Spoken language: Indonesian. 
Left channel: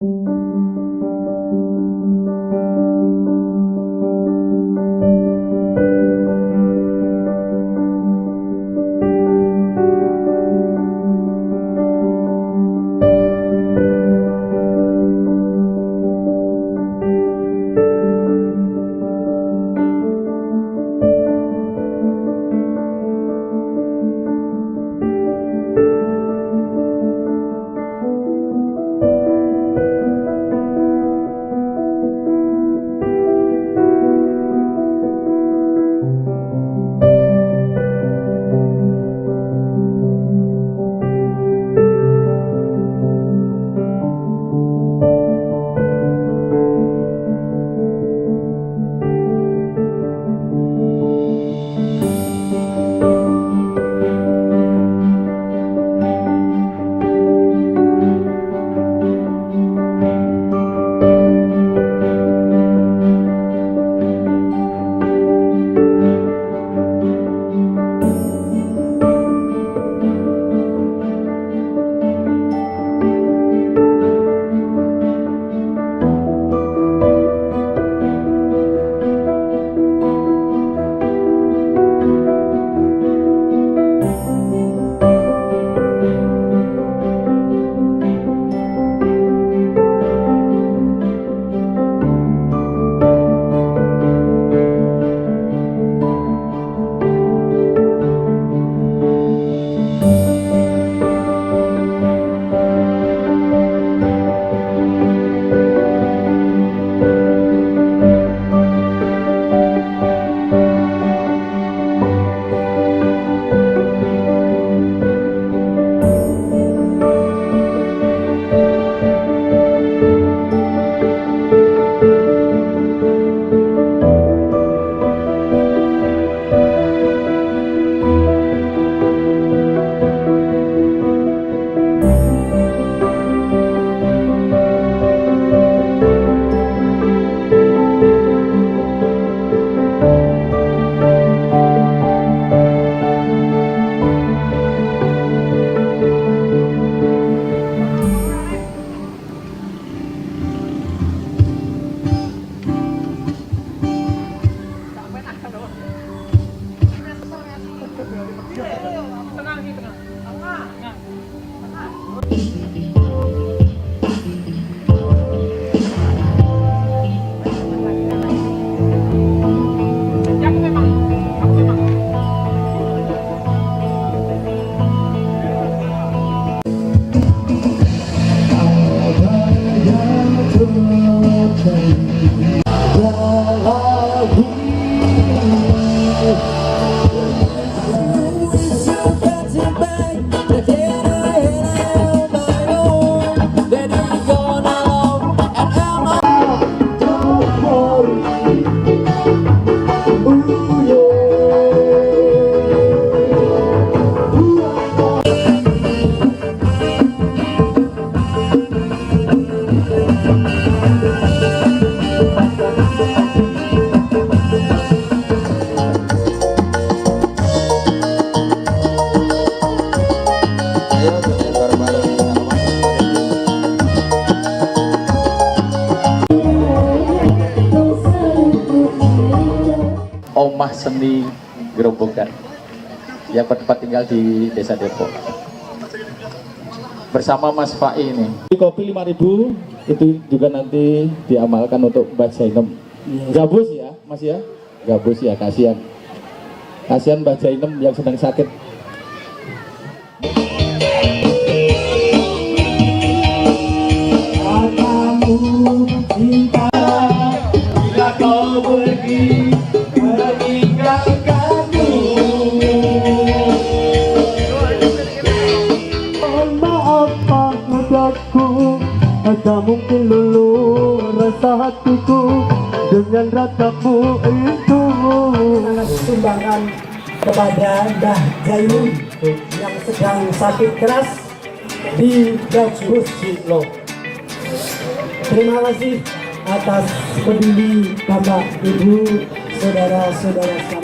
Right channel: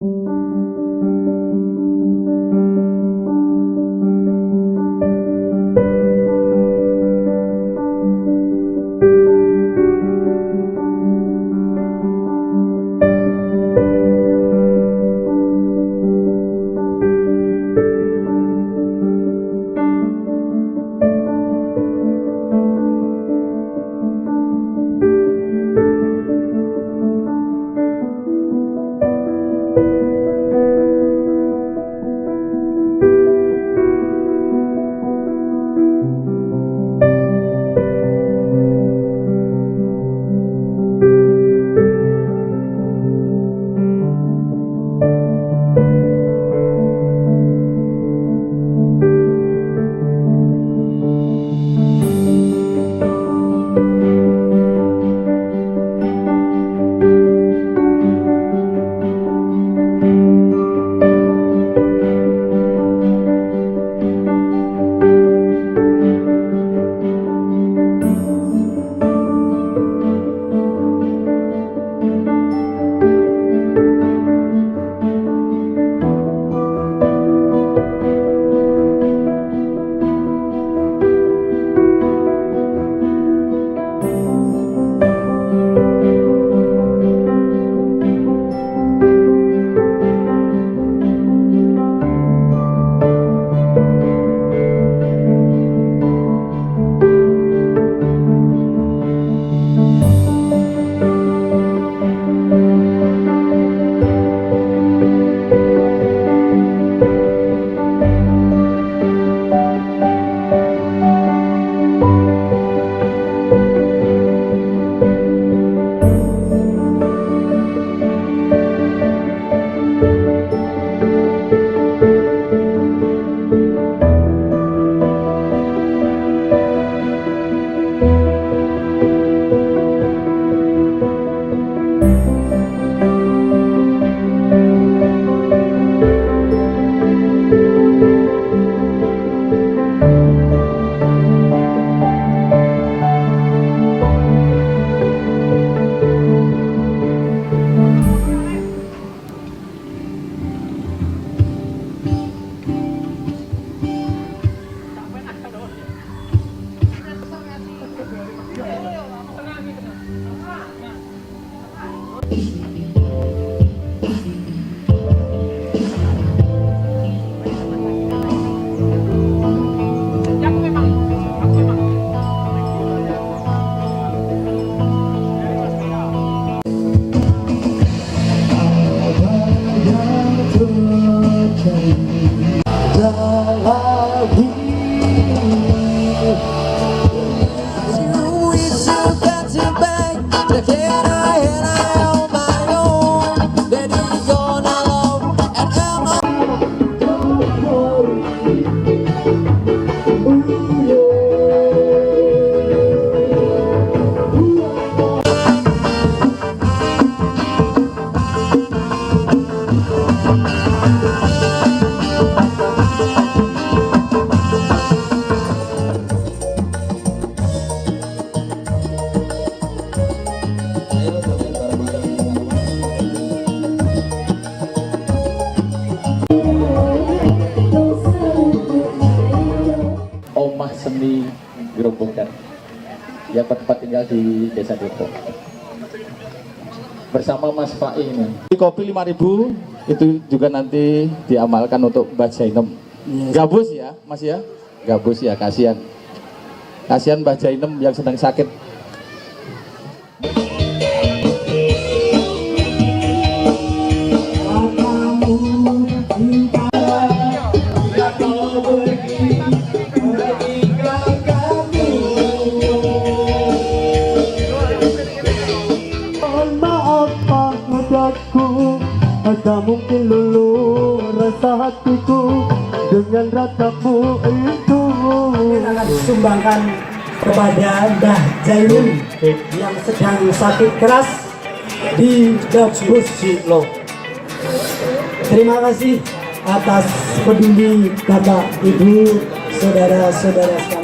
Omah Seni Gerobogan yang bertempat tinggal di Desa Depok bersama Mas Fai ini. Kopi 5.000 itu juga nanti diamalkan untuk Mbak Jainem. Gabus ya Mas ya, gabus ya, kasihan Mbak Jainem yang sedang sakit. Tak mungkin luluh rasa hatiku dengan ratamu itu. Sumbangkan kepada Mbah Jainem yang sedang sakit keras di Gabus Silo. Terima kasih atas peduli Bapak, Ibu, saudara-saudara sekalian.